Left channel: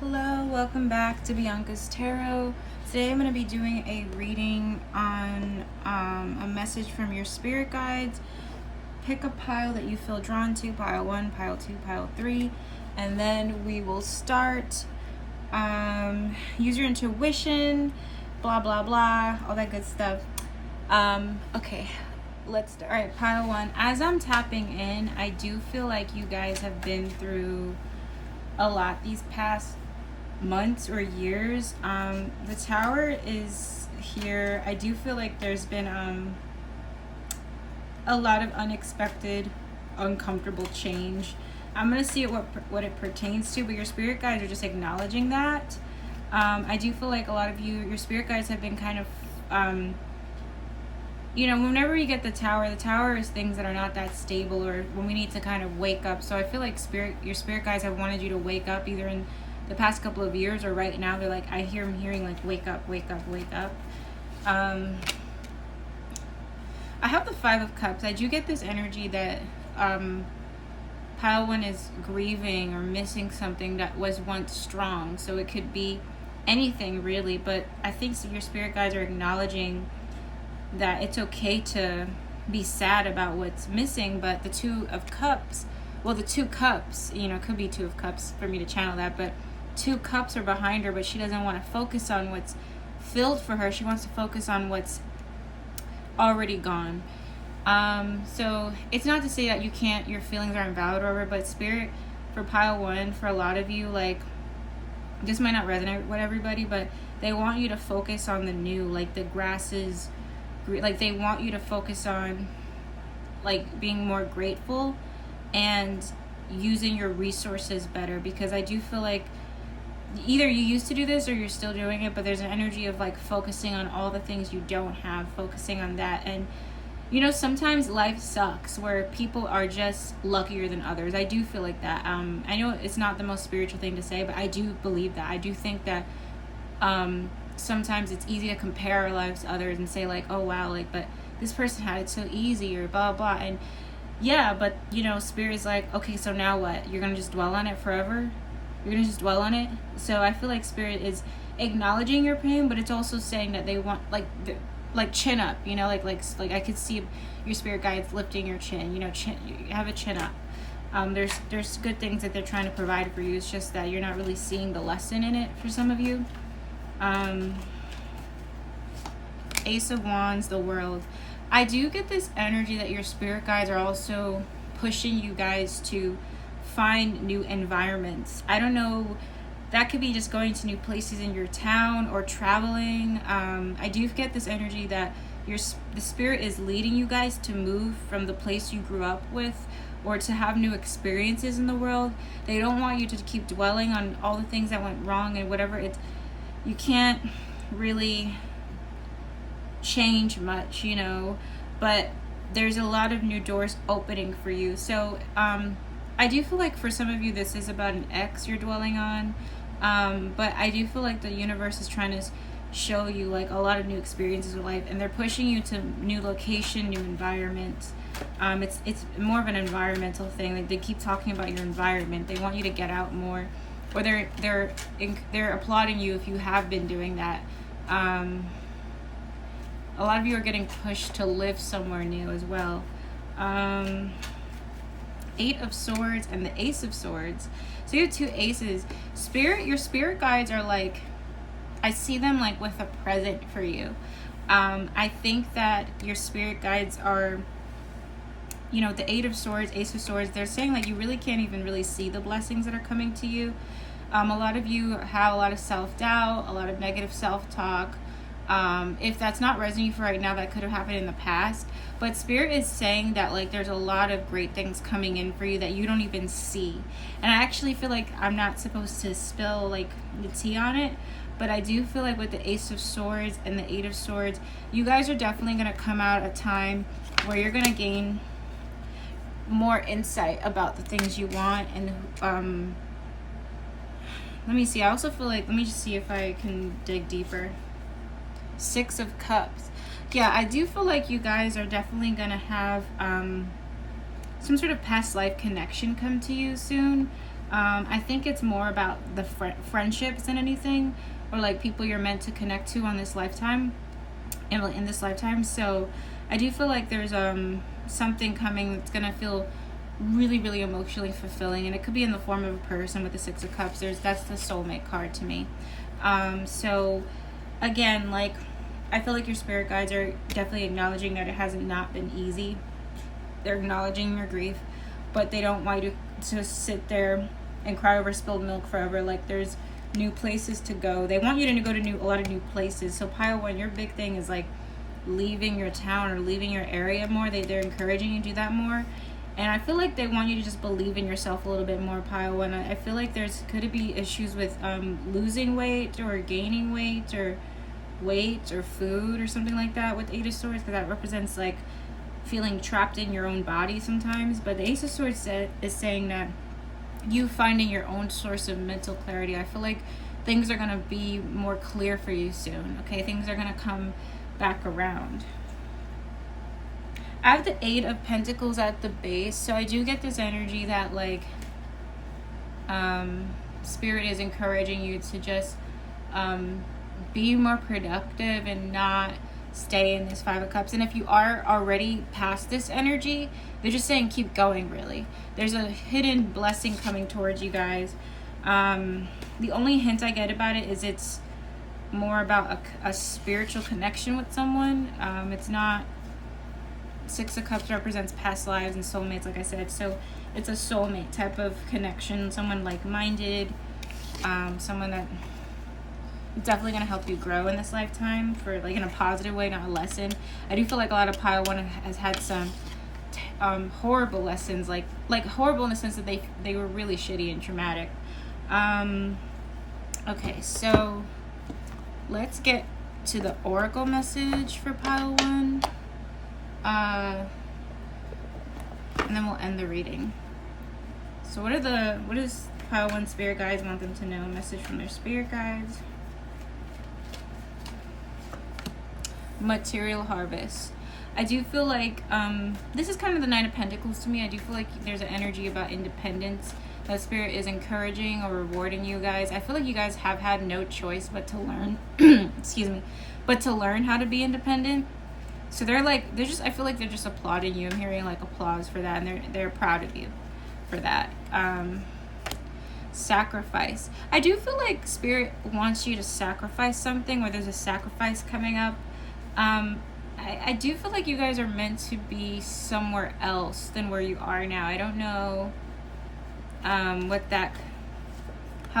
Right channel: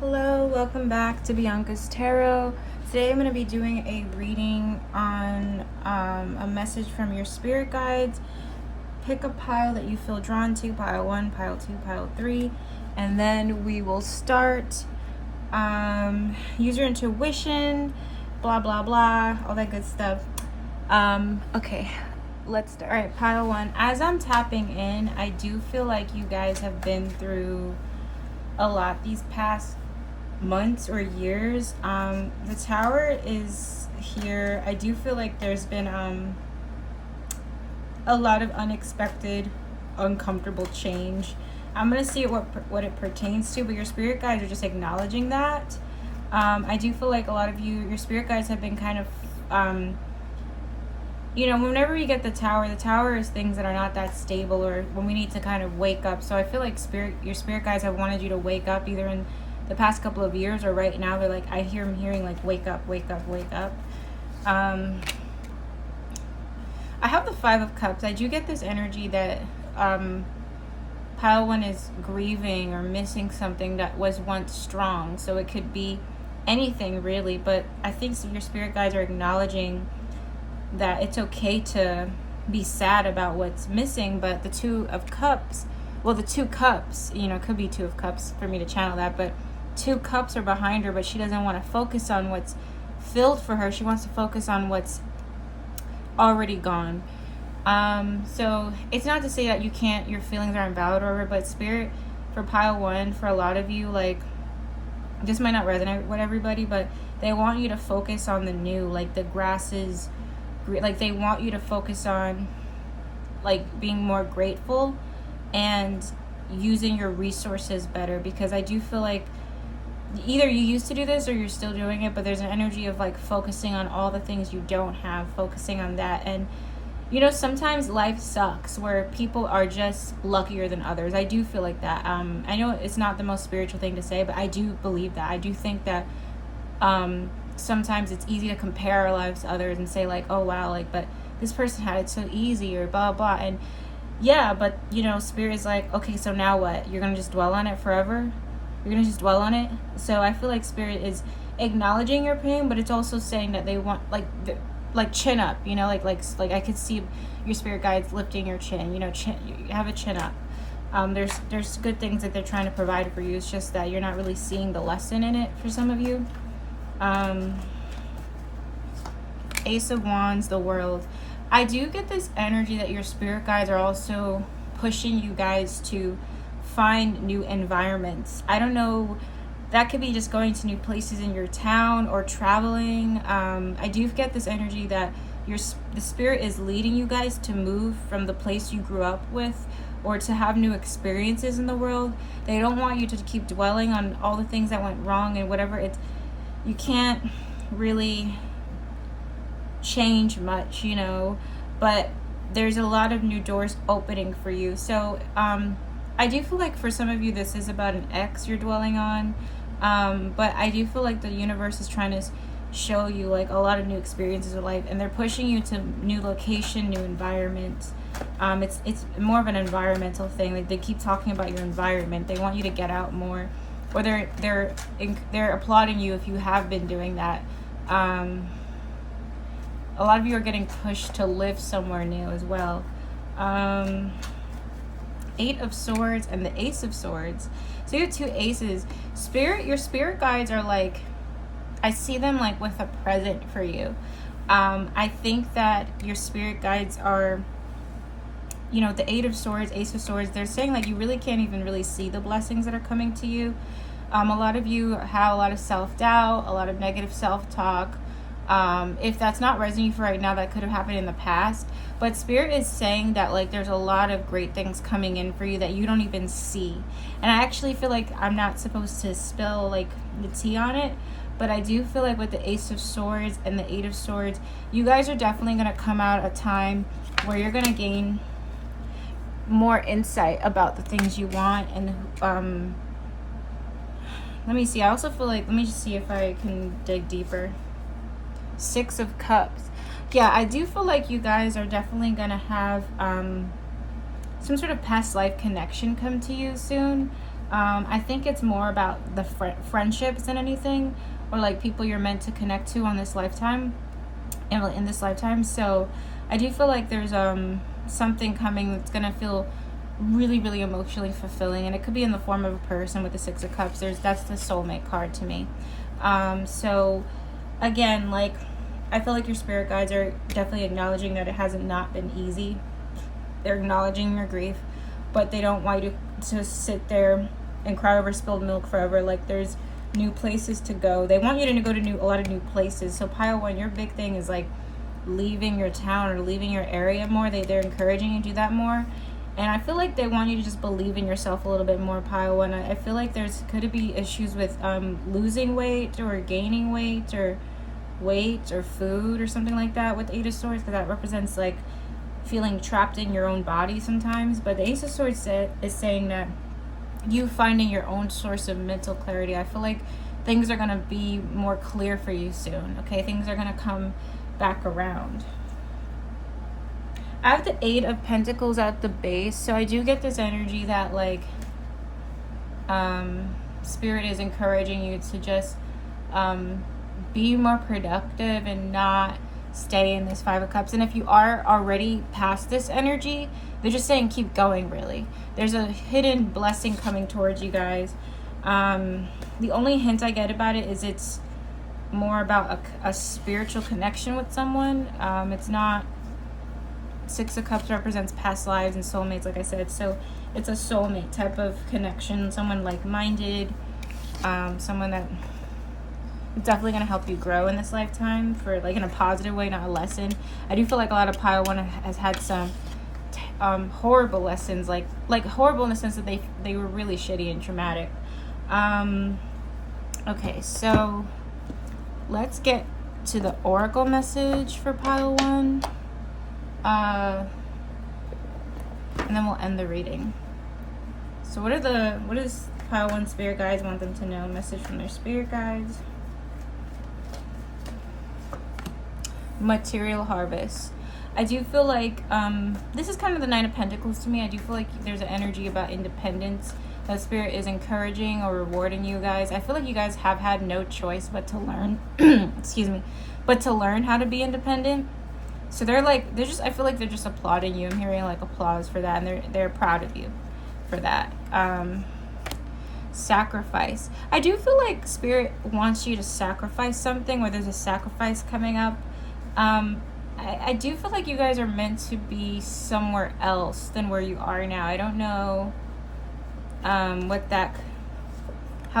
Hello, welcome back to Bianca's Tarot. Today I'm going to be doing a reading on a message from your spirit guides. Pick a pile that you feel drawn to, pile 1, pile 2, pile 3, and then we will start. Use your intuition, blah blah blah, all that good stuff. Okay, let's start. Alright, pile 1. As I'm tapping in, I do feel like you guys have been through a lot these past months or years. The Tower is here. I do feel like there's been a lot of unexpected, uncomfortable change. I'm gonna see what it pertains to, but your spirit guides are just acknowledging that. I do feel like a lot of your spirit guides have been kind of whenever you get the Tower is things that are not that stable, or when we need to kind of wake up. So I feel like your spirit guides have wanted you to wake up either in the past couple of years or right now. They're like, I'm hearing like, wake up, wake up, wake up. I have the 5 of Cups. I do get this energy that pile 1 is grieving or missing something that was once strong. So it could be anything really, but I think your spirit guides are acknowledging that it's okay to be sad about what's missing. But the 2 of Cups, well, the 2 cups, it could be 2 of Cups for me to channel that, but 2 cups are behind her, but she doesn't want to focus on what's filled for her. She wants to focus on what's already gone. So it's not to say that your feelings aren't valid or whatever, but spirit for pile 1, for a lot of you, like, this might not resonate with everybody, but they want you to focus on the new, like the grass is, like they want you to focus on like being more grateful and using your resources better, because I do feel like either you used to do this or you're still doing it, but there's an energy of like focusing on all the things you don't have, focusing on that. And sometimes life sucks where people are just luckier than others. I do feel like that. I know it's not the most spiritual thing to say, but I do believe that. I do think that sometimes it's easy to compare our lives to others and say like, oh wow, like, but this person had it so easy, or blah blah. And yeah, but spirit's like, okay, so now what? You're gonna just dwell on it forever? You're gonna just dwell on it? So I feel like spirit is acknowledging your pain, but it's also saying that they want like chin up, like I could see your spirit guides lifting your chin, you have a chin up. There's good things that they're trying to provide for you. It's just that you're not really seeing the lesson in it for some of you. Ace of Wands, the World. I do get this energy that your spirit guides are also pushing you guys to find new environments. I don't know, that could be just going to new places in your town or traveling. I do get this energy that the spirit is leading you guys to move from the place you grew up with, or to have new experiences in the world. They don't want you to keep dwelling on all the things that went wrong and whatever. You can't really change much, but there's a lot of new doors opening for you. So I do feel like for some of you this is about an ex you're dwelling on, but I do feel like the universe is trying to show you like a lot of new experiences of life, and they're pushing you to new location, new environment. It's more of an environmental thing. Like, they keep talking about your environment. They want you to get out more, or they're applauding you if you have been doing that. A lot of you are getting pushed to live somewhere new as well. 8 of Swords and the Ace of Swords. So you have 2 aces. Your spirit guides are like, I see them like with a present for you. I think that your spirit guides are, the 8 of Swords, Ace of Swords, they're saying like you really can't even really see the blessings that are coming to you. A lot of you have a lot of self-doubt, a lot of negative self-talk. If that's not resonating for right now, that could have happened in the past. But spirit is saying that like there's a lot of great things coming in for you that you don't even see. And I actually feel like I'm not supposed to spill like the tea on it, but I do feel like with the Ace of Swords and the 8 of Swords, you guys are definitely going to come out at a time where you're going to gain more insight about the things you want. And let me see. I also feel like, let me just see if I can dig deeper. 6 of Cups. Yeah, I do feel like you guys are definitely gonna have some sort of past life connection come to you soon. I think it's more about the friendships than anything, or like people you're meant to connect to on this lifetime, in this lifetime. So I do feel like there's something coming that's gonna feel really, really emotionally fulfilling, and it could be in the form of a person with the Six of Cups. That's the soulmate card to me. So again, like, I feel like your spirit guides are definitely acknowledging that it hasn't not been easy. They're acknowledging your grief, but they don't want you to sit there and cry over spilled milk forever. Like, there's new places to go. They want you to go to a lot of new places. So Pile 1, your big thing is like leaving your town or leaving your area more. They're encouraging you to do that more. And I feel like they want you to just believe in yourself a little bit more, Pile 1. I feel like could be issues with losing weight or gaining weight or food or something like that with Eight of Swords, because that represents like feeling trapped in your own body sometimes. But the Ace of Swords is saying that you finding your own source of mental clarity. I feel like things are going to be more clear for you soon, okay? Things are going to come back around. I have the Eight of Pentacles at the base, so I do get this energy that like Spirit is encouraging you to just be more productive and not stay in this Five of Cups. And if you are already past this energy, they're just saying keep going, really. There's a hidden blessing coming towards you guys. The only hint I get about it is it's more about a spiritual connection with someone. It's not... Six of Cups represents past lives and soulmates, like I said. So it's a soulmate type of connection, someone like-minded, someone that is definitely going to help you grow in this lifetime, for like in a positive way, not a lesson. I do feel like a lot of Pile 1 has had some horrible lessons, like horrible in the sense that they were really shitty and traumatic. Okay, so let's get to the Oracle message for Pile 1. And then we'll end the reading. So what does Pile 1 spirit guides want them to know? Message from their spirit guides. Material harvest. I do feel like this is kind of the Nine of Pentacles to me. I do feel like there's an energy about independence that Spirit is encouraging or rewarding you guys. I feel like you guys have had no choice but to learn excuse me, but to learn how to be independent. So I feel like they're just applauding you. I'm hearing like applause for that, and they're proud of you for that. Sacrifice. I do feel like Spirit wants you to sacrifice something, or there's a sacrifice coming up. I do feel like you guys are meant to be somewhere else than where you are now. I don't know how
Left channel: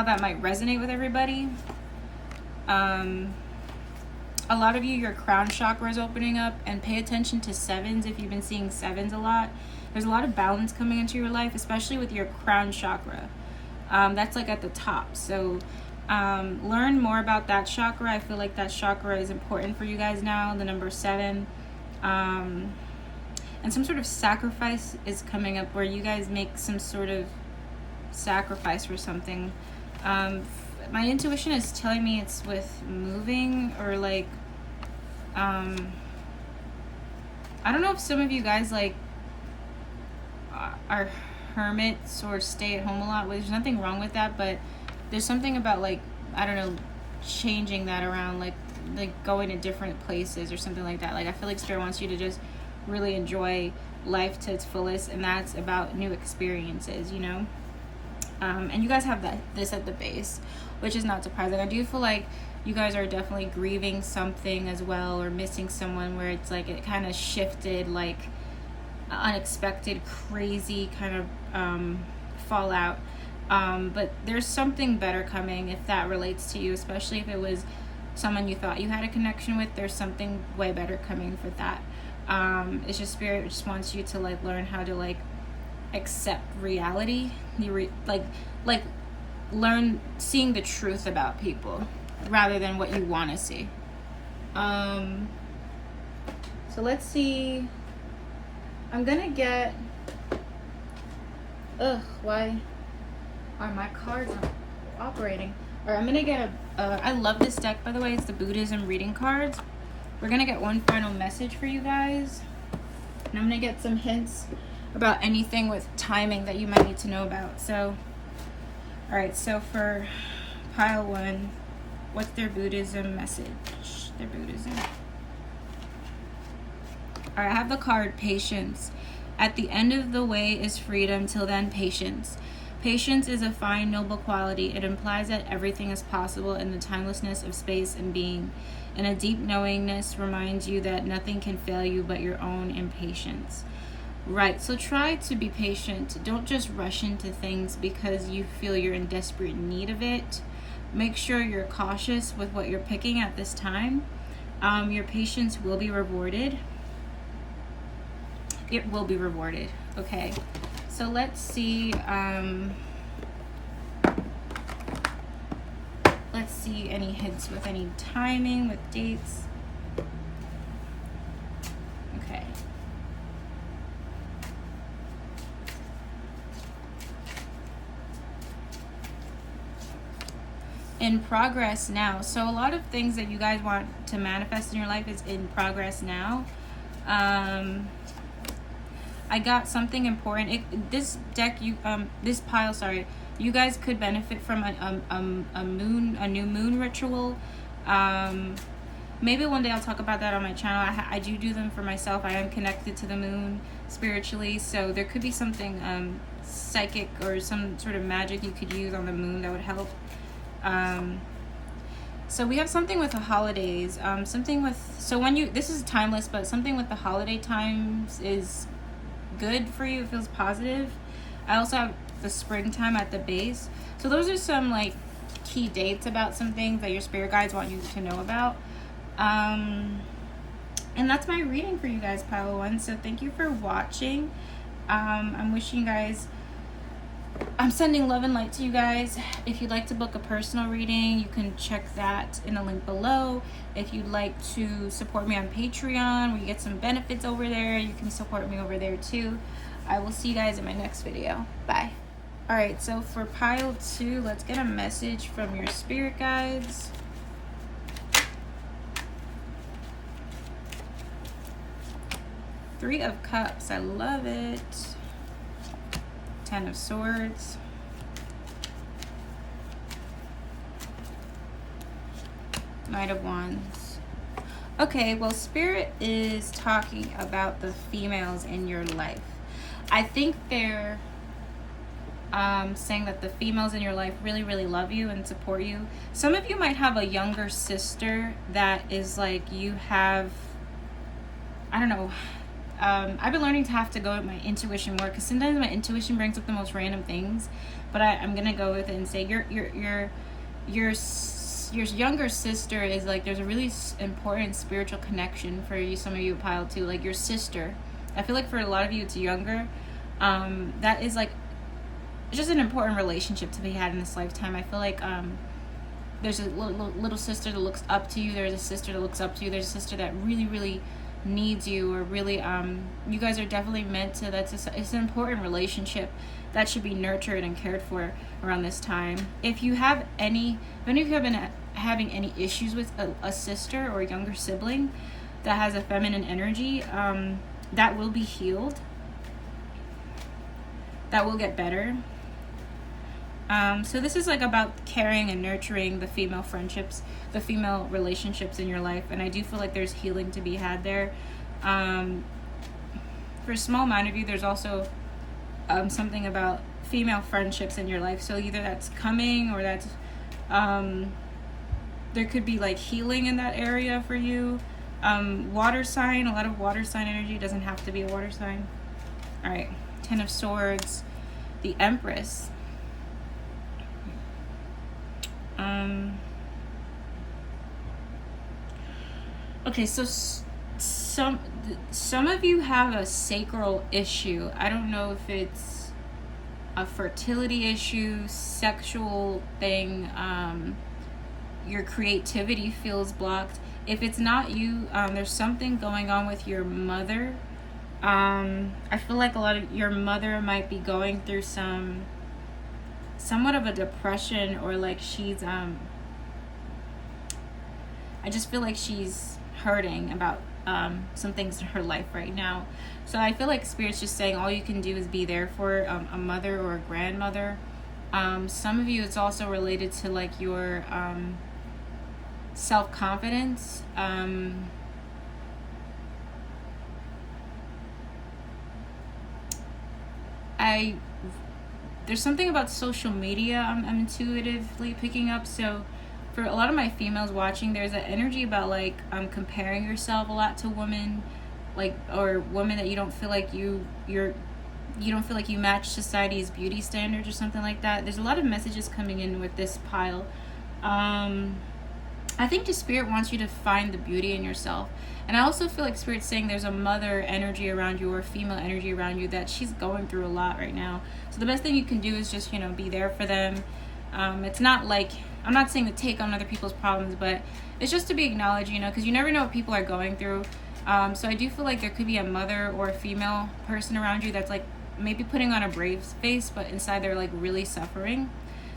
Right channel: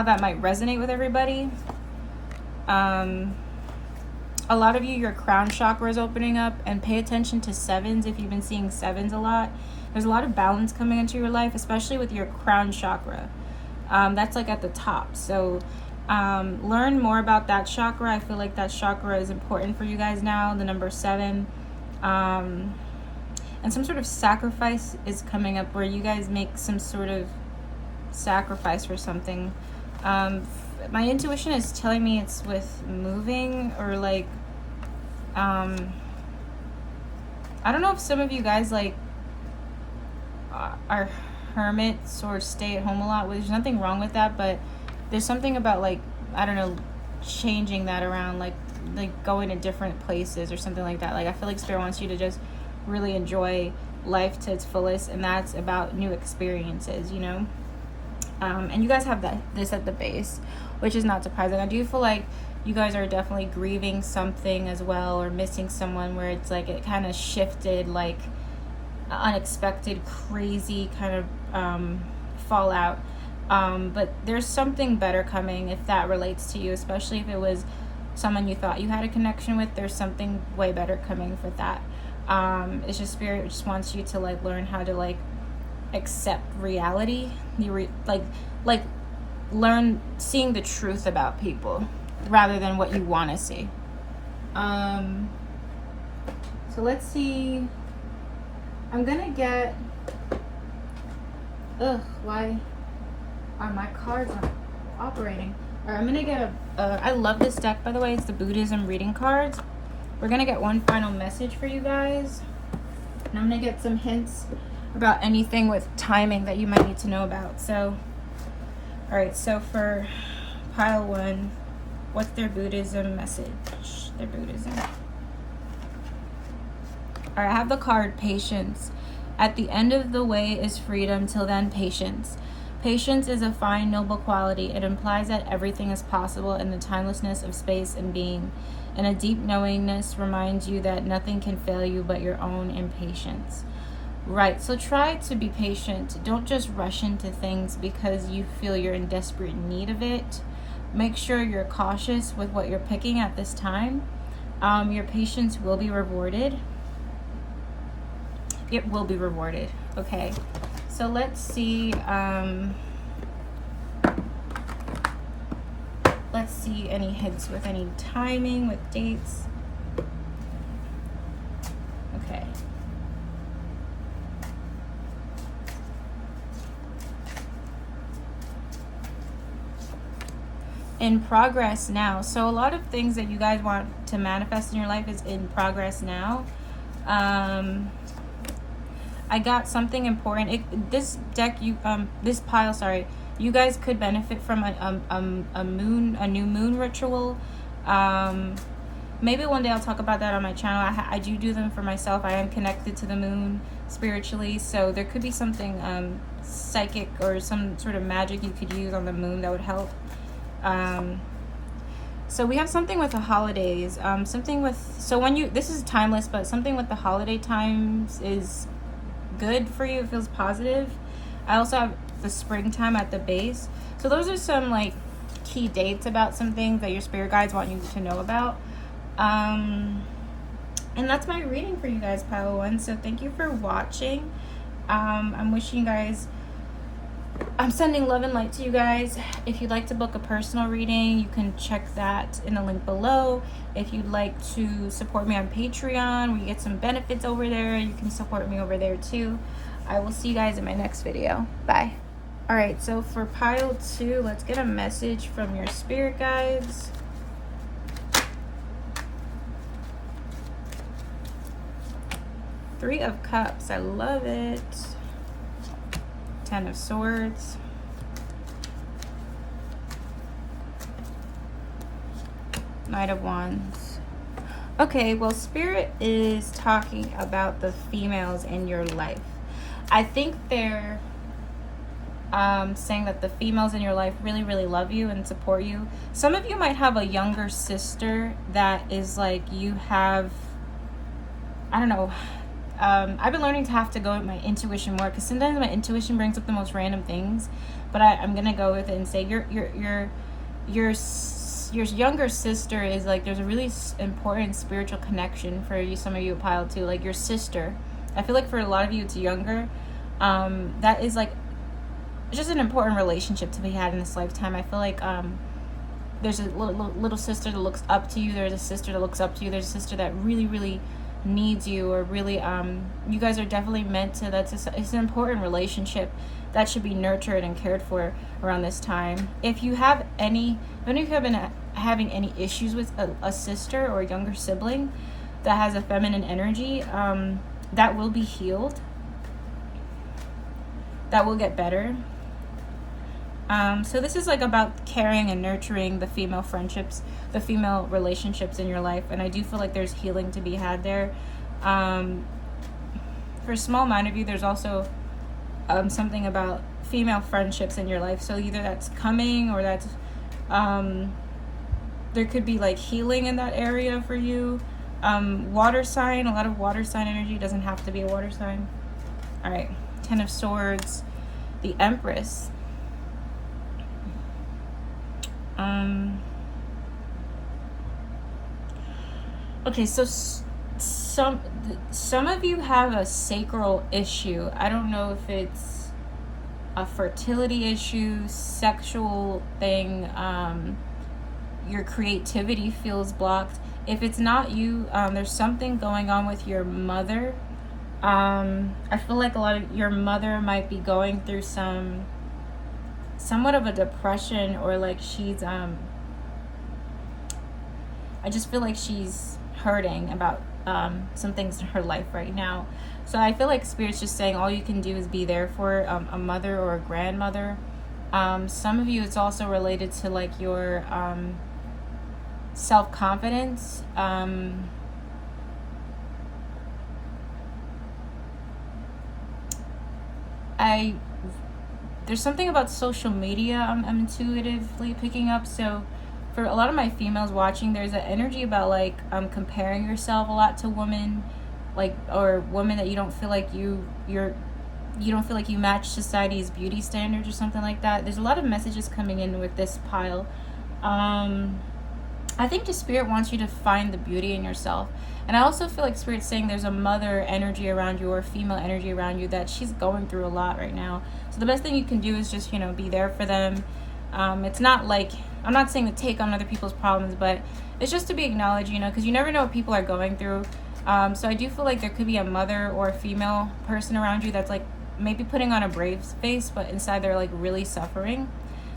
that might resonate with everybody. A lot of you, your crown chakra is opening up, and pay attention to sevens if you've been seeing sevens a lot. There's a lot of balance coming into your life, especially with your crown chakra. That's like at the top. So learn more about that chakra. I feel like that chakra is important for you guys now, the number 7. And some sort of sacrifice is coming up where you guys make some sort of sacrifice for something. My intuition is telling me it's with moving, or like I don't know if some of you guys like are hermits or stay at home a lot. There's nothing wrong with that, but there's something about like, I don't know, changing that around, like going to different places or something like that. Like, I feel like Spirit wants you to just really enjoy life to its fullest, and that's about new experiences, you know. And you guys have this at the base, which is not surprising. I do feel like you guys are definitely grieving something as well, or missing someone, where it's like it kind of shifted, like unexpected, crazy kind of fallout. But there's something better coming if that relates to you, especially if it was someone you thought you had a connection with. There's something way better coming with that. It's just Spirit just wants you to like learn how to like accept reality. Like learn seeing the truth about people rather than what you want to see. So let's see. I'm gonna get why are my cards not operating? Or I'm gonna get I love this deck, by the way. It's the Buddhism reading cards. We're gonna get one final message for you guys, and I'm gonna get some hints about anything with timing that you might need to know about. So All right, so for pile 1, what's their Buddhism message? Their Buddhism. All right, I have the card Patience. At the end of the way is freedom, till then patience. Patience is a fine, noble quality. It implies that everything is possible in the timelessness of space and being. And a deep knowingness reminds you that nothing can fail you but your own impatience. Right, so try to be patient. Don't just rush into things because you feel you're in desperate need of it. Make sure you're cautious with what you're picking at this time. Your patience will be rewarded. It will be rewarded. Okay, so let's see. Let's see any hints with any timing, with dates. Okay. In progress now. So a lot of things that you guys want to manifest in your life is in progress now. I got something important. This deck, this pile, sorry, you guys could benefit from a new moon ritual. Maybe one day I'll talk about that on my channel. I do them for myself. I am connected to the moon spiritually, so there could be something psychic or some sort of magic you could use on the moon that would help. So we have something with the holidays. This is timeless, but something with the holiday times is good for you. It feels positive. I also have the springtime at the base. So those are some like key dates about some things that your spirit guides want you to know about. And that's my reading for you guys, pile 1. So thank you for watching. I'm wishing you guys, I'm sending love and light to you guys. If you'd like to book a personal reading, you can check that in the link below. If you'd like to support me on Patreon, we get some benefits over there. You can support me over there too. I will see you guys in my next video. Bye. Alright, so for pile 2, let's get a message from your spirit guides. Three of Cups, I love it. 10 of Swords. Knight of Wands. Okay, well, Spirit is talking about the females in your life. I think they're saying that the females in your life really, really love you and support you. Some of you might have a younger sister that is like you have, I don't know, I've been learning to have to go with my intuition more, because sometimes my intuition brings up the most random things, but I'm gonna go with it and say your younger sister is like, there's a really important spiritual connection for you. Some of you pile 2, like your sister. I feel like for a lot of you it's younger. That is like just an important relationship to be had in this lifetime. I feel like there's a little sister that looks up to you. There's a sister that looks up to you. There's a sister that really, really needs you, or really you guys are definitely meant to. It's an important relationship that should be nurtured and cared for around this time. If you have any have been having any issues with a sister or a younger sibling that has a feminine energy, that will be healed. That will get better. So this is like about caring and nurturing the female friendships, the female relationships in your life, and I do feel like there's healing to be had there. For a small amount of you, there's also something about female friendships in your life. So either that's coming, or that's there could be like healing in that area for you. Water sign, a lot of water sign energy. Doesn't have to be a water sign. All right, 10 of Swords, the Empress. Okay, so some of you have a sacral issue. I don't know if it's a fertility issue, sexual thing. Your creativity feels blocked. If it's not you, there's something going on with your mother. I feel like a lot of your mother might be going through somewhat of a depression, or like she's I just feel like she's hurting about some things in her life right now. So I feel like Spirit's just saying all you can do is be there for a mother or a grandmother. Some of you, it's also related to like your self-confidence. I There's something about social media I'm intuitively picking up. So for a lot of my females watching, there's an energy about like comparing yourself a lot to women, like, or women that you don't feel like you don't feel like you match society's beauty standards or something like that. There's a lot of messages coming in with this pile. I think the spirit wants you to find the beauty in yourself. And I also feel like spirit's saying there's a mother energy around you or female energy around you that she's going through a lot right now. So the best thing you can do is just, be there for them. It's not like, I'm not saying to take on other people's problems, but it's just to be acknowledged, because you never know what people are going through. So I do feel like there could be a mother or a female person around you that's like maybe putting on a brave face, but inside they're like really suffering.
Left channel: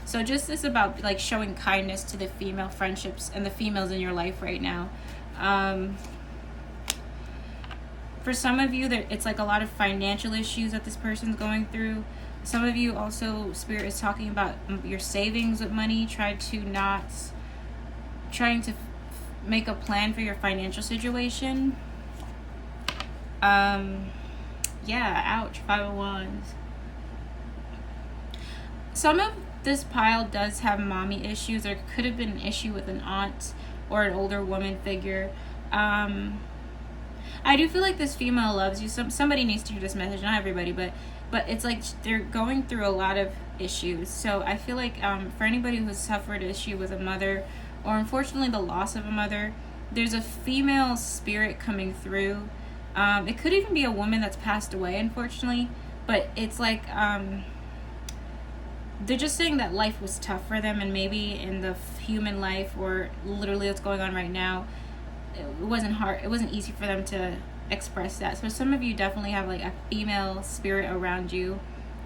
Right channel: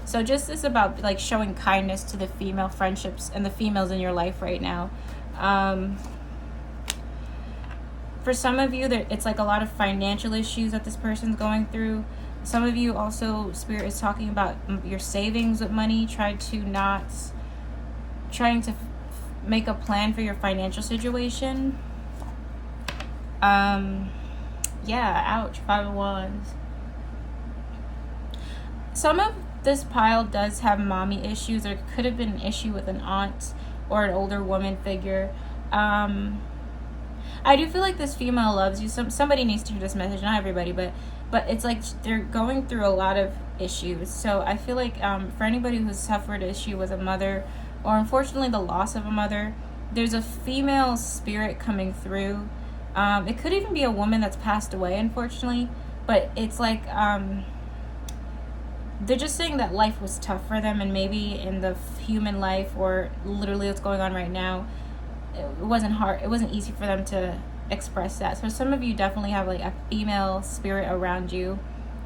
So just this about like showing kindness to the female friendships and the females in your life right now. For some of you, it's like a lot of financial issues that this person's going through. Some of you also, spirit is talking about your savings with money, trying to make a plan for your financial situation. Yeah, ouch, 5 of Wands. Some of this pile does have mommy issues. There could have been an issue with an aunt or an older woman figure. I do feel like this female loves you. Somebody needs to hear this message, not everybody, but it's like they're going through a lot of issues. So I feel like for anybody who's suffered issue with a mother, or unfortunately the loss of a mother, there's a female spirit coming through. It could even be a woman that's passed away, unfortunately, but it's like they're just saying that life was tough for them, and maybe in the human life, or literally what's going on right now, it wasn't easy for them to express that. So some of you definitely have like a female spirit around you.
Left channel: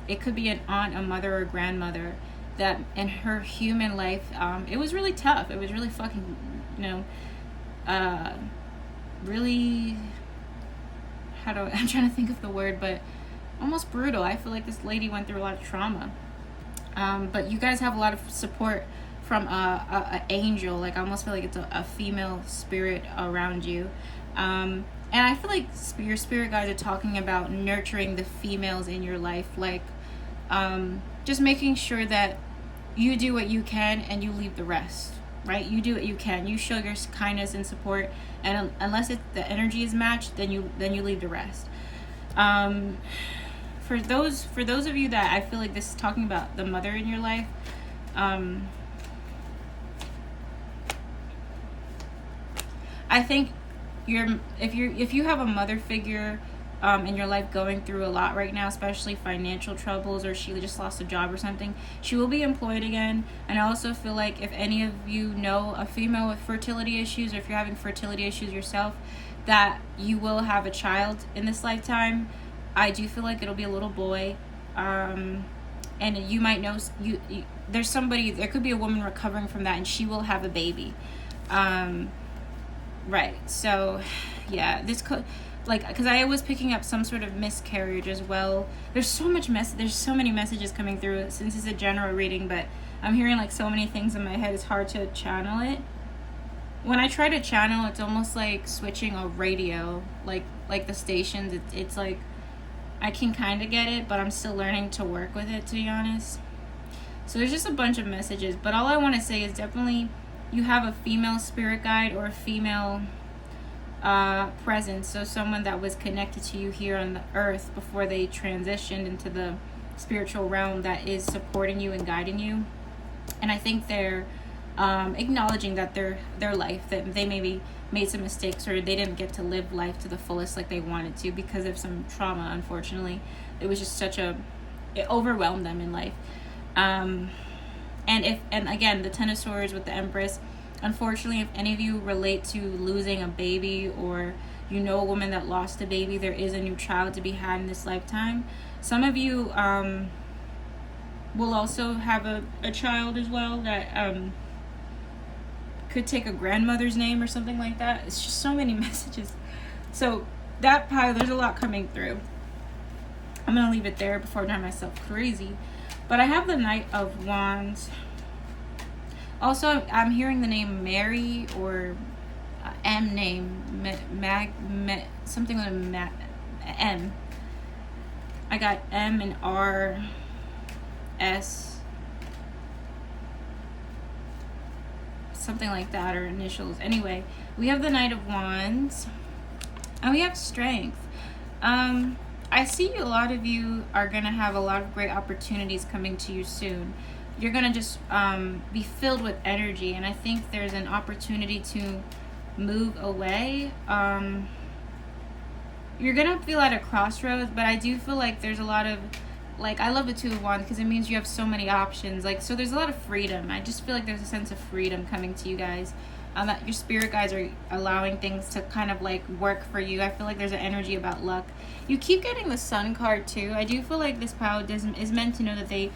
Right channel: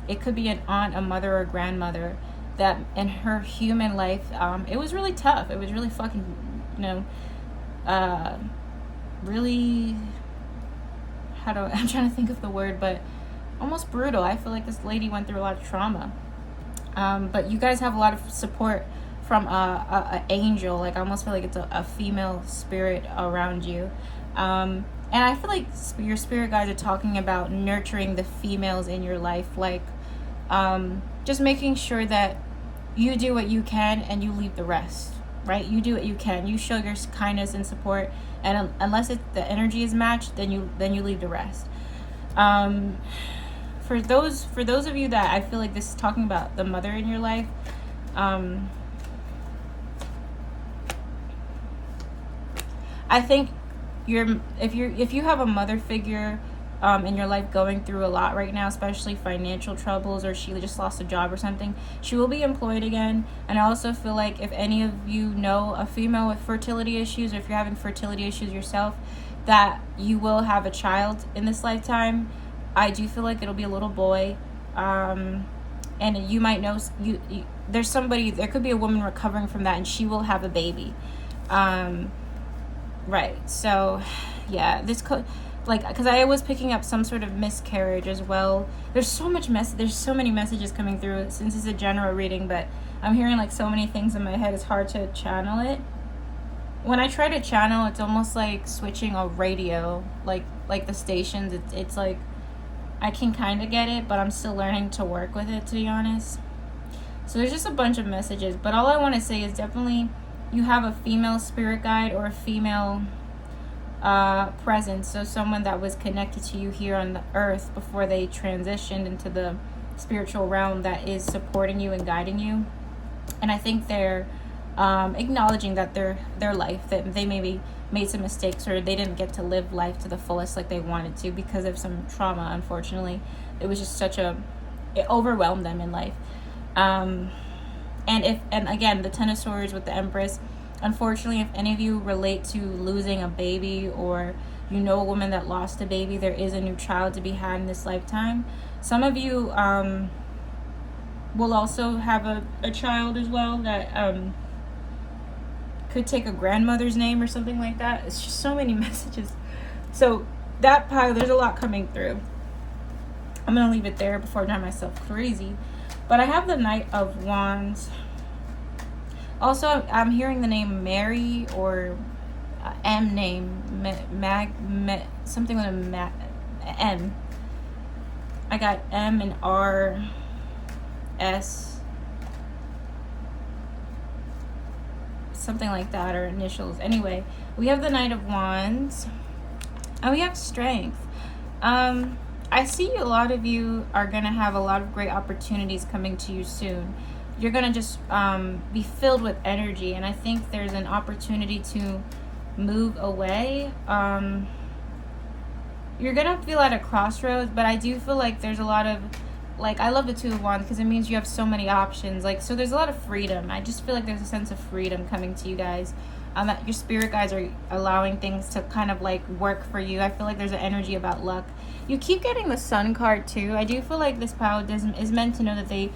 It could be an aunt, a mother, or a grandmother that in her human life, it was really tough. It was really fucking, really, I'm trying to think of the word, but almost brutal. I feel like this lady went through a lot of trauma. But you guys have a lot of support from a angel. Like, I almost feel like it's a female spirit around you. And I feel like your spirit guides are talking about nurturing the females in your life. Like, just making sure that you do what you can and you leave the rest, right? You do what you can. You show your kindness and support. And unless the energy is matched, then you leave the rest. For those of you that I feel like this is talking about the mother in your life, I think if you have a mother figure in your life going through a lot right now, especially financial troubles, or she just lost a job or something, she will be employed again. And I also feel like if any of you know a female with fertility issues, or if you're having fertility issues yourself, that you will have a child in this lifetime. I do feel like it'll be a little boy, and you might know there's somebody. There could be a woman recovering from that, and she will have a baby. Right. So, yeah, because I was picking up some sort of miscarriage as well. There's so many messages coming through since it's a general reading, but I'm hearing like so many things in my head. It's hard to channel it. When I try to channel, it's almost like switching a radio, like the stations. It's like I can kind of get it, but I'm still learning to work with it, to be honest. So there's just a bunch of messages, but all I want to say is definitely you have a female spirit guide or a female presence, so someone that was connected to you here on the earth before they transitioned into the spiritual realm, that is supporting you and guiding you. And I think they're acknowledging that their life, that they maybe made some mistakes, or they didn't get to live life to the fullest like they wanted to because of some trauma. Unfortunately, it was just it overwhelmed them in life. And again, the Ten of Swords with the Empress, unfortunately, if any of you relate to losing a baby, or you know a woman that lost a baby, there is a new child to be had in this lifetime. Some of you will also have a child as well that could take a grandmother's name or something like that. It's just so many messages. So that pile, there's a lot coming through. I'm gonna leave it there before I drive myself crazy. But I have the Knight of Wands. Also, I'm hearing the name Mary, or M name, something with a M. I got M and R, S, something like that, or initials. Anyway, we have the Knight of Wands, and we have Strength. I see a lot of you are going to have a lot of great opportunities coming to you soon. You're going to just be filled with energy, and I think there's an opportunity to move away. You're going to feel at a crossroads, but I do feel like there's a lot of, like, I love the Two of Wands because it means you have so many options. Like, so there's a lot of freedom. I just feel like there's a sense of freedom coming to you guys. That your spirit guides are allowing things to kind of like work for you. I feel like there's an energy about luck. You keep getting the Sun card too. I do feel like this pile is meant to know that they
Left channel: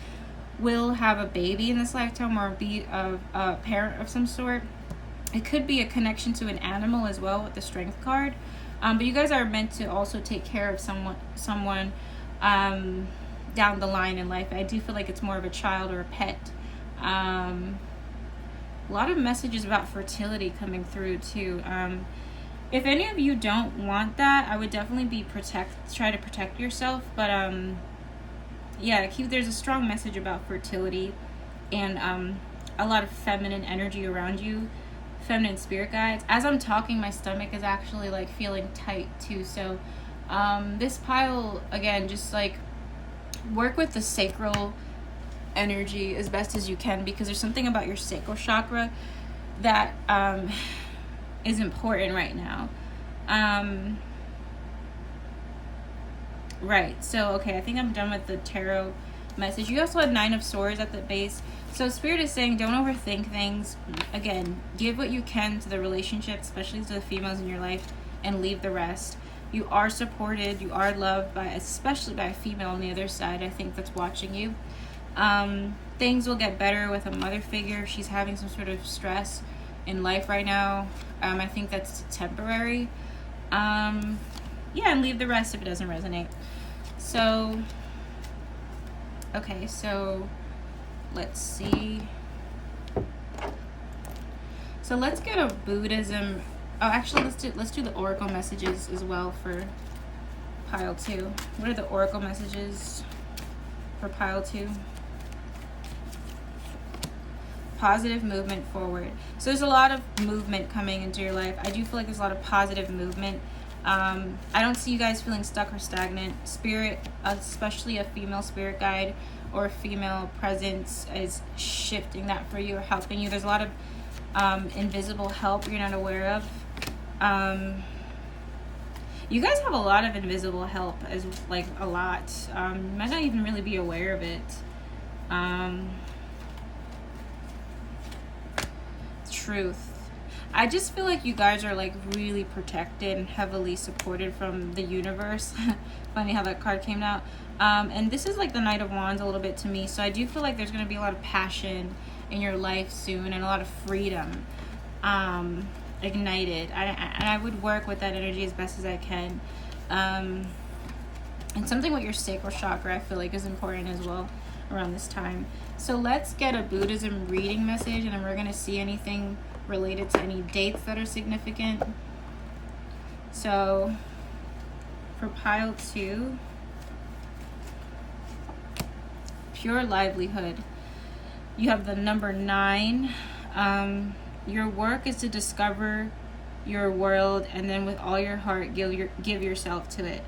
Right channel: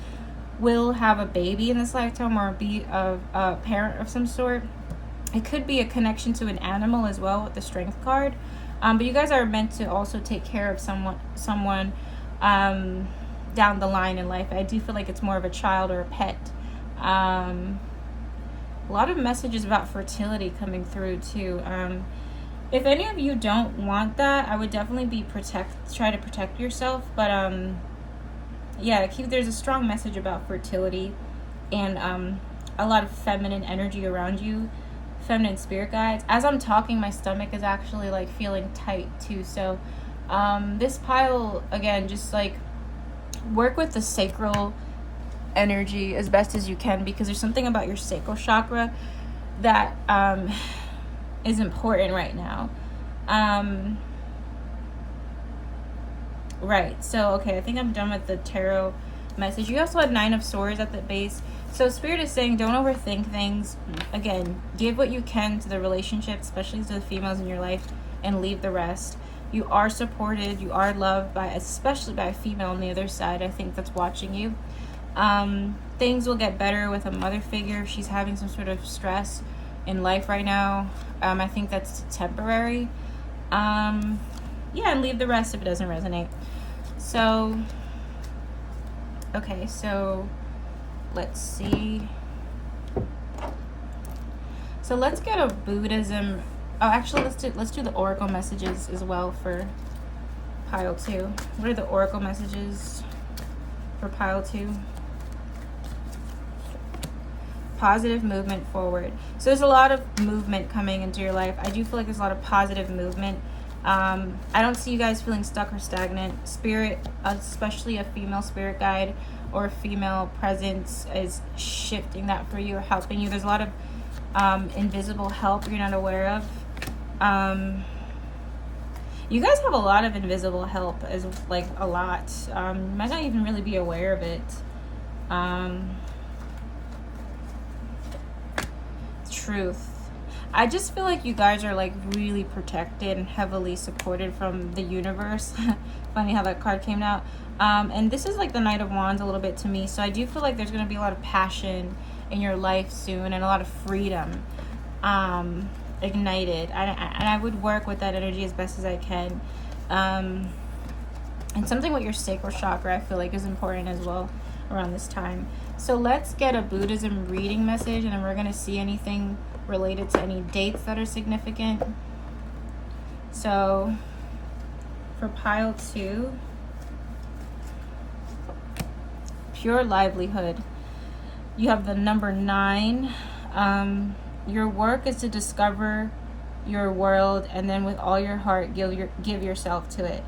will have a baby in this lifetime, or be a parent of some sort. It could be a connection to an animal as well with the Strength card. But you guys are meant to also take care of someone down the line in life. I do feel like it's more of a child or a pet. A lot of messages about fertility coming through too. If any of you don't want that, I would definitely try to protect yourself. But yeah, there's a strong message about fertility, and a lot of feminine energy around you, feminine spirit guides. As I'm talking, my stomach is actually like feeling tight too. So this pile, again, just like work with the sacral energy as best as you can, because there's something about your sacral chakra that is important right now. Right, so okay, I think I'm done with the tarot message. You also had Nine of Swords at the base. So Spirit is saying don't overthink things. Again, give what you can to the relationship, especially to the females in your life, and leave the rest. You are supported, you are loved, especially by a female on the other side, I think, that's watching you. Things will get better with a mother figure. She's having some sort of stress in life right now. I think that's temporary. Yeah, and leave the rest if it doesn't resonate. So, okay, so let's see. So let's get a Buddhism. Oh, actually, let's do the oracle messages as well for pile 2. What are the oracle messages for pile 2? Positive movement forward. So there's a lot of movement coming into your life. I do feel like there's a lot of positive movement. I don't see you guys feeling stuck or stagnant. Spirit, especially a female spirit guide or a female presence, is shifting that for you or helping you. There's a lot of invisible help you're not aware of. You guys have a lot of invisible help, as like a lot. You might not even really be aware of it. Truth. I just feel like you guys are like really protected and heavily supported from the universe. Funny how that card came out. And this is like the Knight of Wands a little bit to me. So I do feel like there's going to be a lot of passion in your life soon, and a lot of freedom ignited. And I would work with that energy as best as I can. And something with your sacral chakra I feel like is important as well around this time. So let's get a Buddhism reading message, and then we're going to see anything related to any dates that are significant. So for pile 2, pure livelihood, you have the number 9. Your work is to discover your world, and then with all your heart give yourself to it.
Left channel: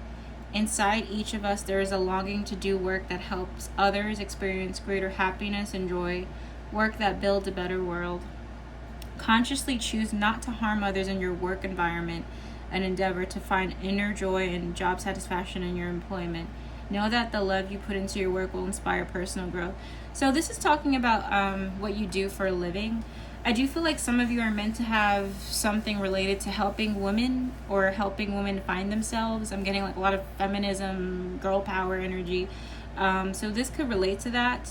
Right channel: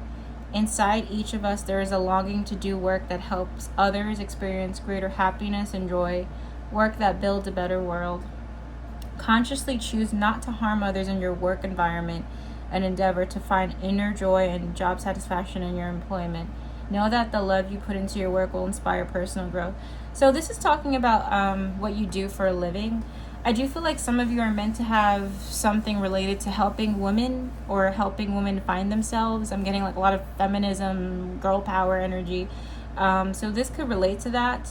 Inside each of us there is a longing to do work that helps others experience greater happiness and joy, work that builds a better world. Consciously choose not to harm others in your work environment, and endeavor to find inner joy and job satisfaction in your employment. Know that the love you put into your work will inspire personal growth. So this is talking about what you do for a living. I do feel like some of you are meant to have something related to helping women, or helping women find themselves. I'm getting like a lot of feminism, girl power energy. So this could relate to that.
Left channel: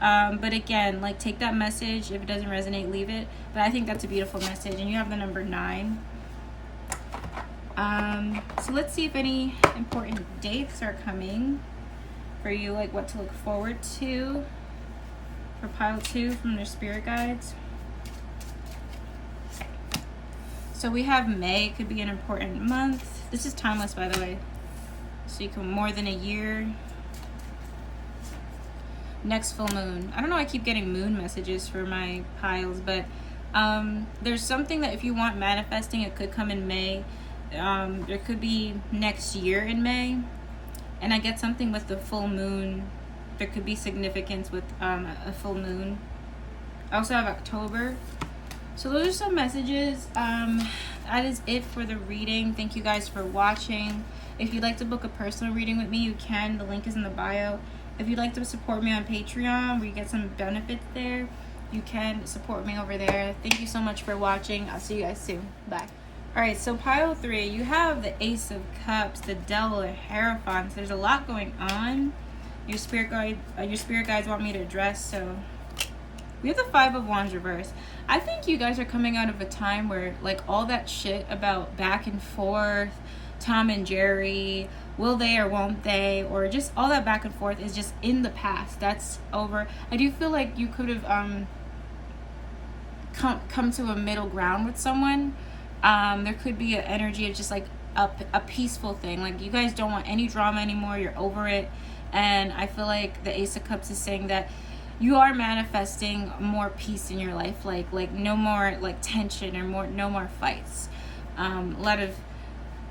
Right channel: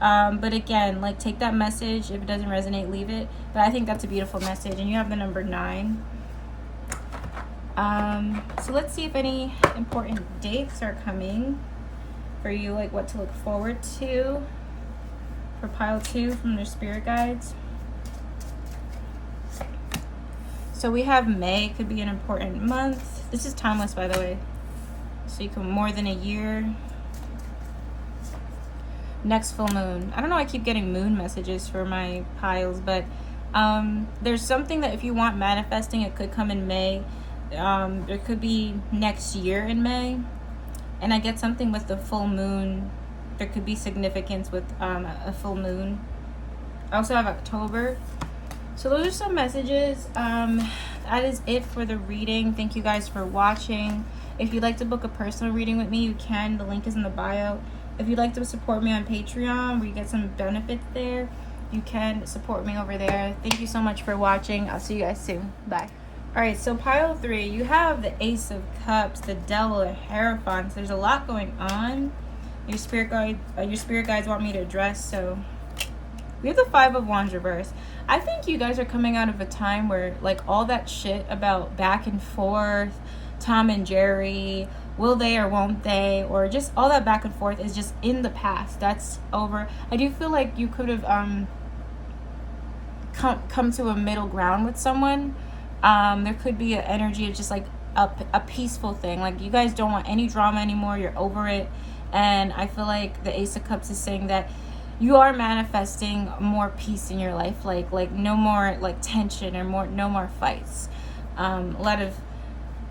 But again, like, take that message. If it doesn't resonate, leave it. But I think that's a beautiful message. And you have the number 9. So let's see if any important dates are coming for you, like what to look forward to for pile 2 from their spirit guides. So we have May, could be an important month. This is timeless, by the way. So you can more than a year. Next full moon. I don't know, I keep getting moon messages for my piles, but there's something that if you want manifesting, it could come in May. There could be next year in May. And I get something with the full moon. There could be significance with a full moon. I also have October. So those are some messages. That is it for the reading. Thank you guys for watching. If you'd like to book a personal reading with me, you can. The link is in the bio. If you'd like to support me on Patreon, where you get some benefits there, you can support me over there. Thank you so much for watching. I'll see you guys soon. Bye. Alright, so pile 3, you have the Ace of Cups, the Devil, and Hierophant. There's a lot going on. Your spirit guides want me to address, so we have the 5 of Wands reversed. I think you guys are coming out of a time where, like, all that shit about back and forth, Tom and Jerry, will they or won't they, or just all that back and forth is just in the past. That's over. I do feel like you could have come to a middle ground with someone. There could be an energy of just like a peaceful thing. Like, you guys don't want any drama anymore. You're over it. And I feel like the Ace of Cups is saying that you are manifesting more peace in your life. Like no more like tension or no more fights. A lot of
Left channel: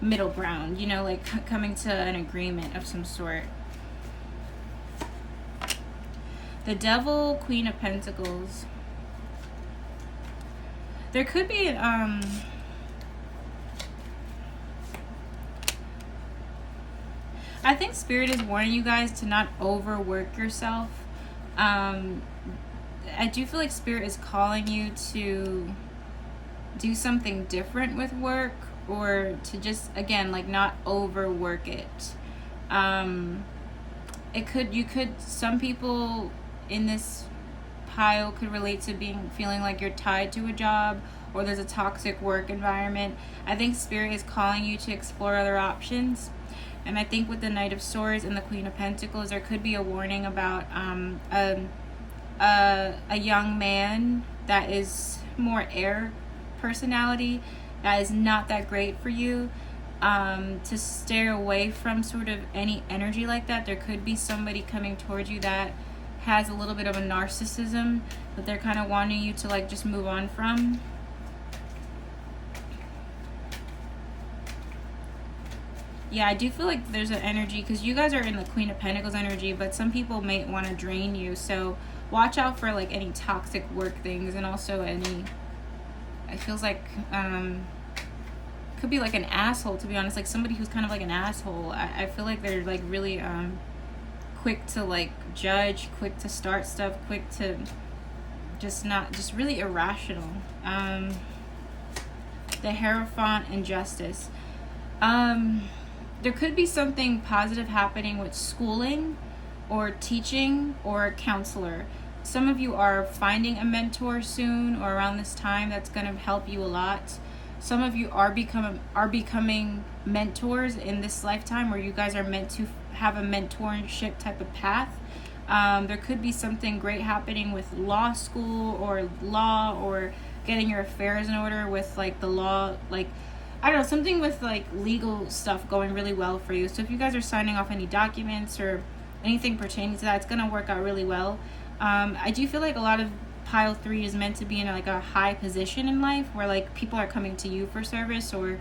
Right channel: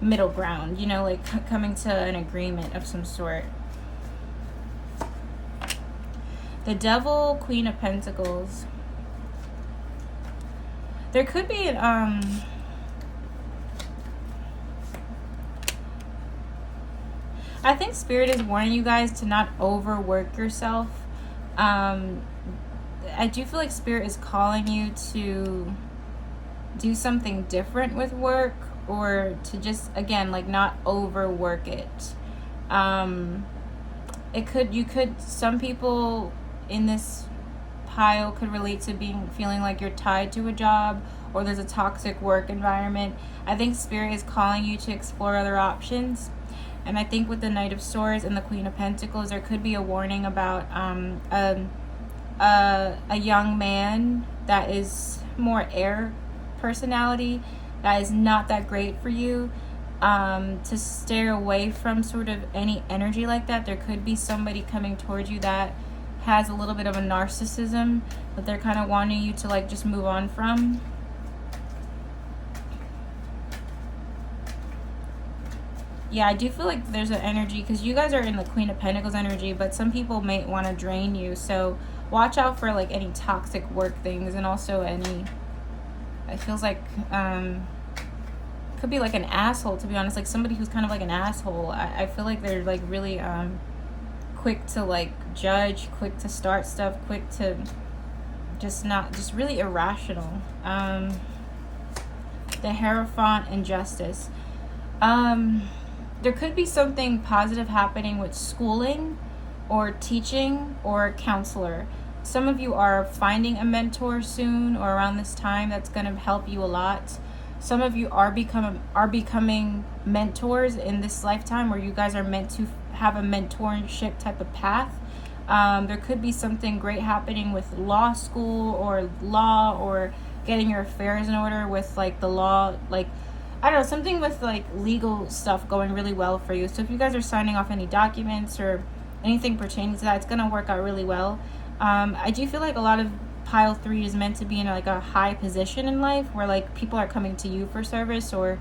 middle ground, you know, like coming to an agreement of some sort. The Devil, Queen of Pentacles. There could be an I think Spirit is warning you guys to not overwork yourself. I do feel like Spirit is calling you to do something different with work, or to just, again, like, not overwork it. Some people in this pile could relate to feeling like you're tied to a job, or there's a toxic work environment. I think Spirit is calling you to explore other options. And I think with the Knight of Swords and the Queen of Pentacles, there could be a warning about a young man that is more air personality, that is not that great for you. To stay away from sort of any energy like that. There could be somebody coming towards you that has a little bit of a narcissism that they're kind of wanting you to, like, just move on from. Yeah, I do feel like there's an energy, because you guys are in the Queen of Pentacles energy, but some people may want to drain you. So watch out for, like, any toxic work things, and also any, it feels like, could be like an asshole, to be honest, like somebody who's kind of like an asshole. I feel like they're like really quick to like judge, quick to start stuff, quick to just really irrational. The Hierophant and Justice. There could be something positive happening with schooling or teaching or counselor. Some of you are finding a mentor soon or around this time that's going to help you a lot. Some of you are becoming mentors in this lifetime, where you guys are meant to have a mentorship type of path. There could be something great happening with law school or law, or getting your affairs in order with like the law, like I don't know, something with like legal stuff going really well for you. So if you guys are signing off any documents or anything pertaining to that, it's going to work out really well. I do feel like a lot of pile 3 is meant to be in like a high position in life, where like people are coming to you for service, or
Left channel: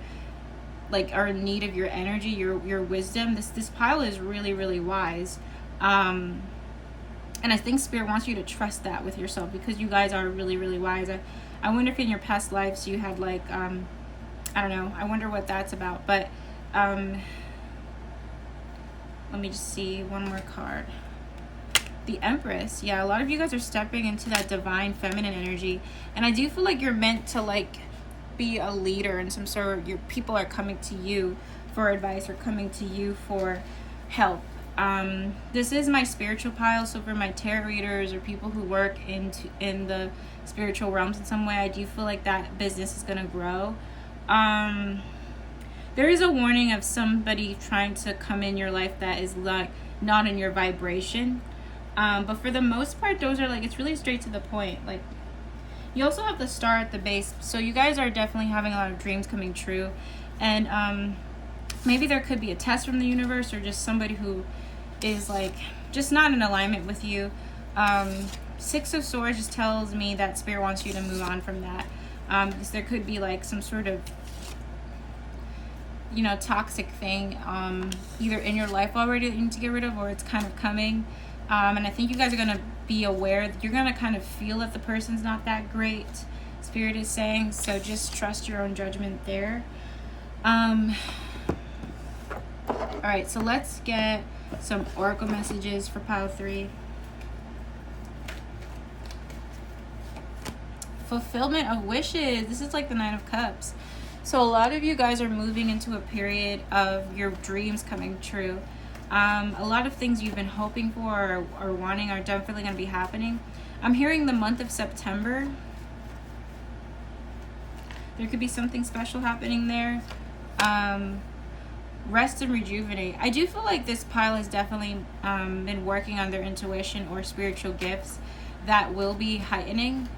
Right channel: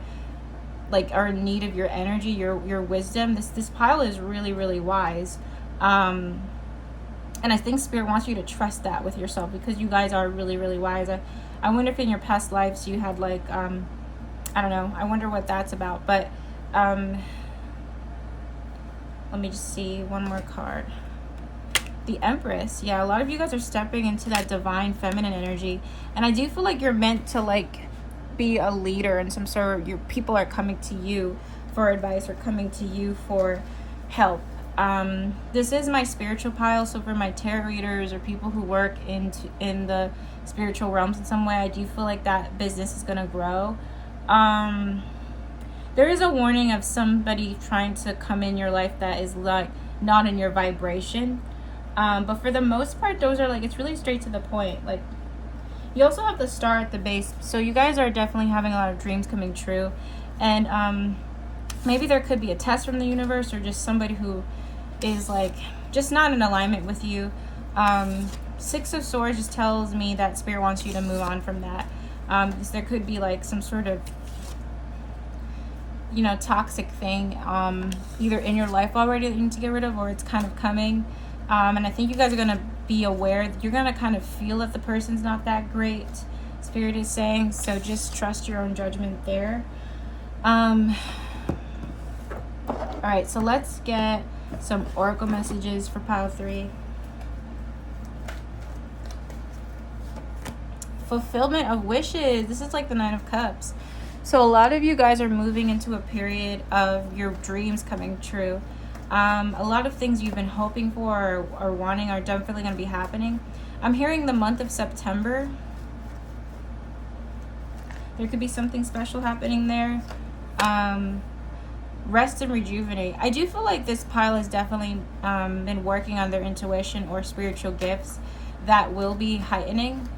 like are in need of your energy, your wisdom. This pile is really, really wise. And I think Spirit wants you to trust that with yourself, because you guys are really, really wise. I wonder if in your past lives you had like, I don't know, I wonder what that's about. But let me just see one more card. The Empress. Yeah, a lot of you guys are stepping into that divine feminine energy, and I do feel like you're meant to like be a leader in some sort. Your people are coming to you for advice, or coming to you for help. This is my spiritual pile, so for my tarot readers or people who work in the spiritual realms in some way, I do feel like that business is going to grow. There is a warning of somebody trying to come in your life that is like not in your vibration. But for the most part, those are like, it's really straight to the point. Like, you also have the star at the base, so you guys are definitely having a lot of dreams coming true. And maybe there could be a test from the universe, or just somebody who is like just not in alignment with you. Six of Swords just tells me that Spirit wants you to move on from that. Because there could be like some sort of, you know, toxic thing either in your life already that you need to get rid of, or it's kind of coming. And I think you guys are going to be aware that you're going to kind of feel that the person's not that great, Spirit is saying. So just trust your own judgment there. Alright, so let's get some oracle messages for pile 3. Fulfillment of wishes. This is like the Nine of Cups. So a lot of you guys are moving into a period of your dreams coming true. A lot of things you've been hoping for or wanting are definitely going to be happening. I'm hearing the month of September. There could be something special happening there. Rest and rejuvenate. I do feel like this pile has definitely been working on their intuition or spiritual gifts that will be heightening.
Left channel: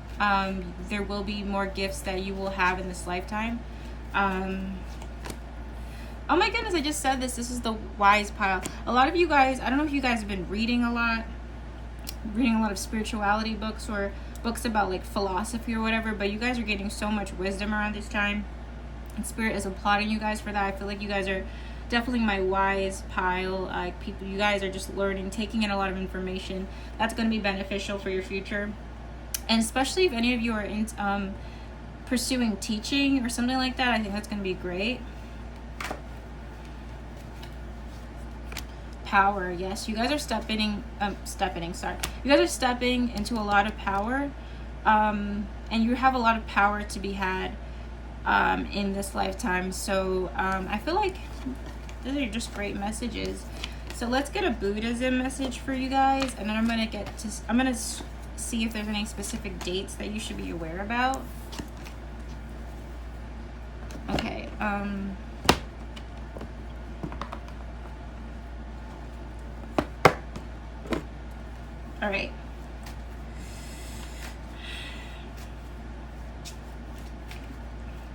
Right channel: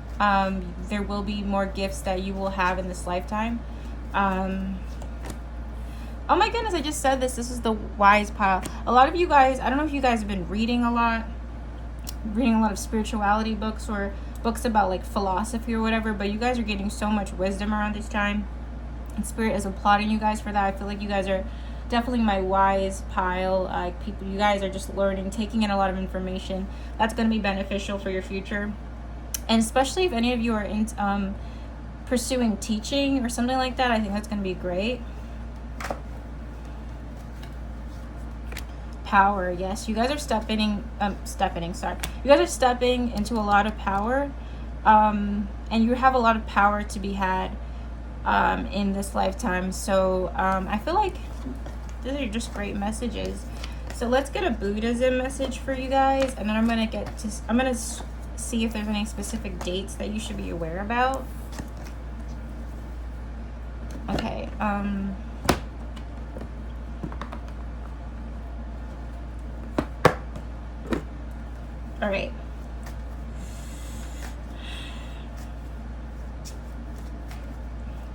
There will be more gifts that you will have in this lifetime. Oh my goodness, I just said this. This is the wise pile. A lot of you guys, I don't know if you guys have been reading a lot of spirituality books or books about like philosophy or whatever, but you guys are getting so much wisdom around this time. And Spirit is applauding you guys for that. I feel like you guys are definitely my wise pile. People, you guys are just learning, taking in a lot of information. That's going to be beneficial for your future. And especially if any of you are in, pursuing teaching or something like that, I think that's going to be great. Power, yes, you guys are stepping into a lot of power, and you have a lot of power to be had in this lifetime. So I feel like these are just great messages. So let's get a Buddhism message for you guys, and then I'm gonna see if there's any specific dates that you should be aware about. Okay. All right.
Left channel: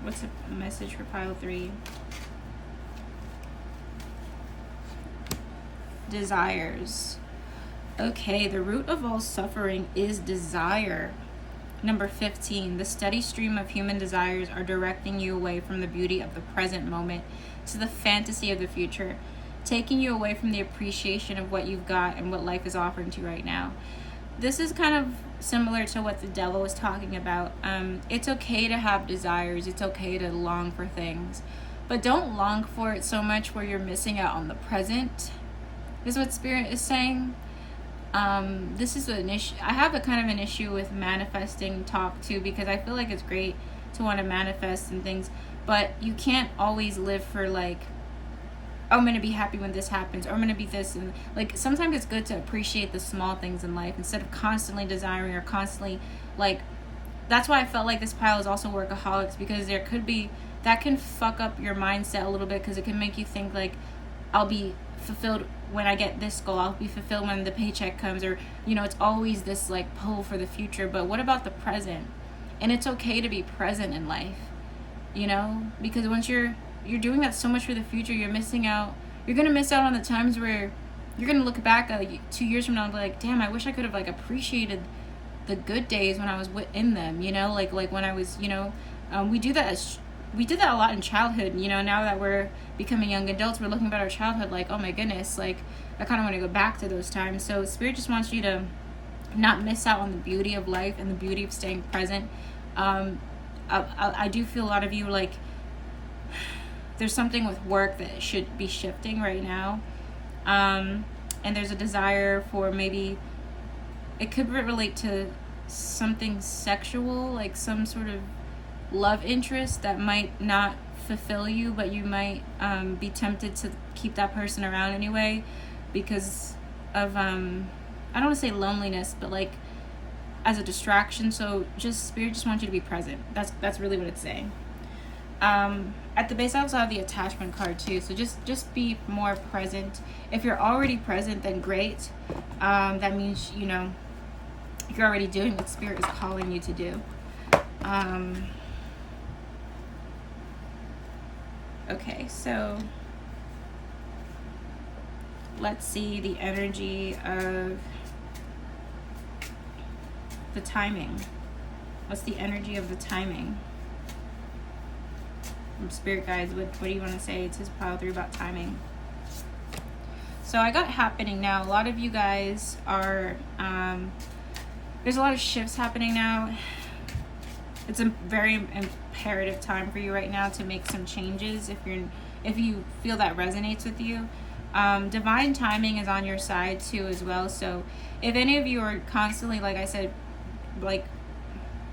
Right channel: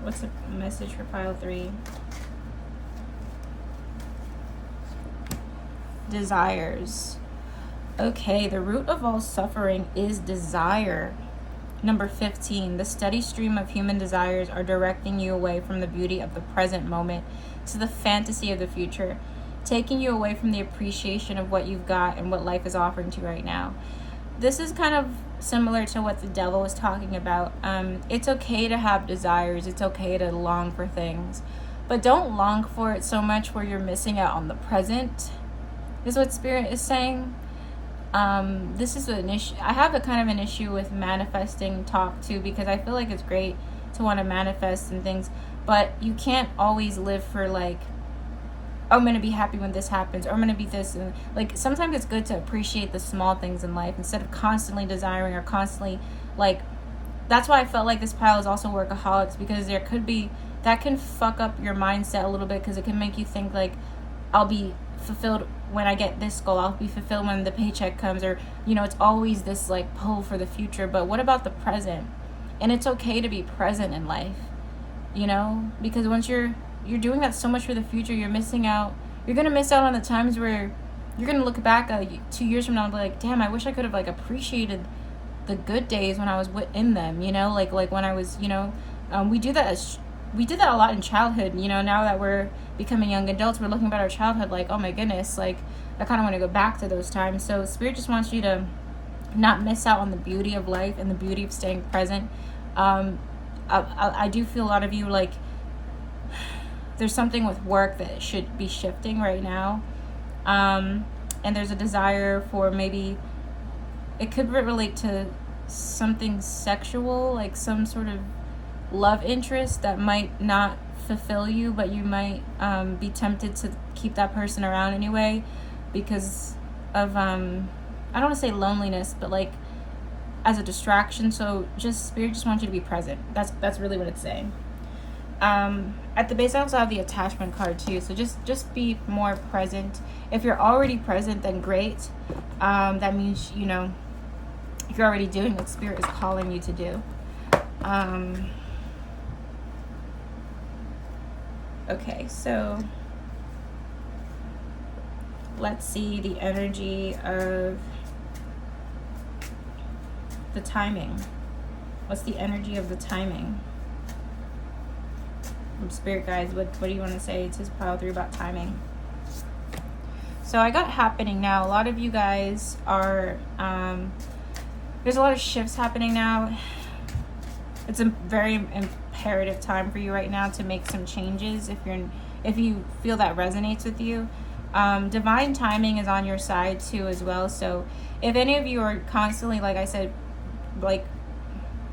What's the message for pile 3? Desires. Okay, the root of all suffering is desire. Number 15, the steady stream of human desires are directing you away from the beauty of the present moment to the fantasy of the future, taking you away from the appreciation of what you've got and what life is offering to you right now. This is kind of similar to what the devil was talking about. It's okay to have desires. It's okay to long for things. But don't long for it so much where you're missing out on the present, is what Spirit is saying. This is an issue. I have a kind of an issue with manifesting talk too, because I feel like it's great to want to manifest and things, but you can't always live for like, I'm going to be happy when this happens, or I'm going to be this. And like, sometimes it's good to appreciate the small things in life instead of constantly desiring or constantly like, that's why I felt like this pile is also workaholics, because there could be, that can fuck up your mindset a little bit, because it can make you think like, I'll be fulfilled when I get this goal, I'll be fulfilled when the paycheck comes, or, you know, it's always this like pull for the future. But what about the present? And it's okay to be present in life, you know, because once you're doing that so much for the future, you're missing out. You're gonna miss out on the times where you're gonna look back at like 2 years from now and be like, damn, I wish I could have like appreciated the good days when I was in them, you know, like when I was, you know, we did that a lot in childhood, you know. Now that we're becoming young adults, we're looking at our childhood like, oh my goodness, like I kind of want to go back to those times. So Spirit just wants you to not miss out on the beauty of life and the beauty of staying present. I do feel a lot of you like there's something with work that should be shifting right now, and there's a desire for, maybe it could relate to something sexual, like some sort of love interest that might not fulfill you, but you might be tempted to keep that person around anyway because of I don't want to say loneliness, but like as a distraction. So just Spirit just wants you to be present. That's really what it's saying. At the base, I also have the attachment card too. So just be more present. If you're already present, then great. That means, you know, if you're already doing what Spirit is calling you to do. Okay, so let's see the energy of the timing. What's the energy of the timing? From Spirit guides, what do you want to say to pile 3 about timing? So I got happening now. A lot of you guys are, there's a lot of shifts happening now. It's a very imperative time for you right now to make some changes if you feel that resonates with you. Divine timing is on your side too as well. So if any of you are constantly, like I said, like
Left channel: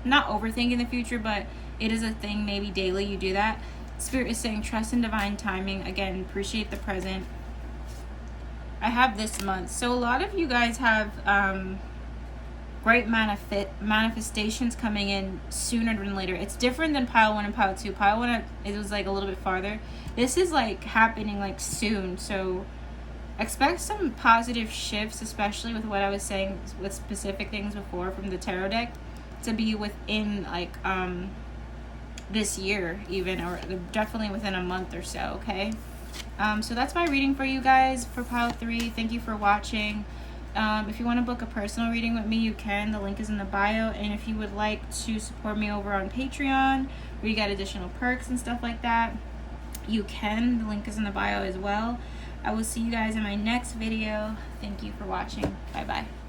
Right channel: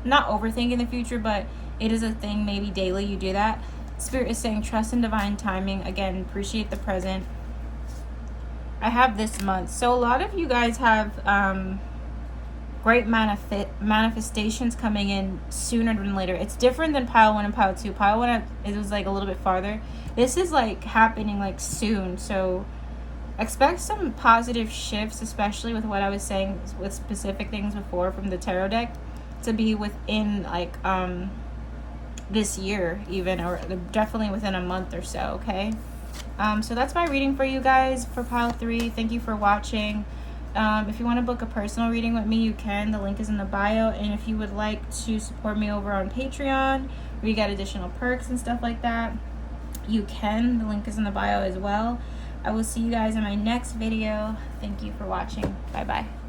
not overthinking the future, but it is a thing, maybe daily you do that, Spirit is saying trust in divine timing. Again, appreciate the present. I have this month. So a lot of you guys have great manifestations coming in sooner than later. It's different than pile 1 and pile 2. Pile 1, it was like a little bit farther. This is like happening like soon. So expect some positive shifts, especially with what I was saying with specific things before from the tarot deck, to be within like this year even, or definitely within a month or so. Okay, so that's my reading for you guys for pile 3. Thank you for watching. If you want to book a personal reading with me, you can. The link is in the bio. And if you would like to support me over on Patreon, where you get additional perks and stuff like that, you can. The link is in the bio as well. I will see you guys in my next video. Thank you for watching. Bye bye.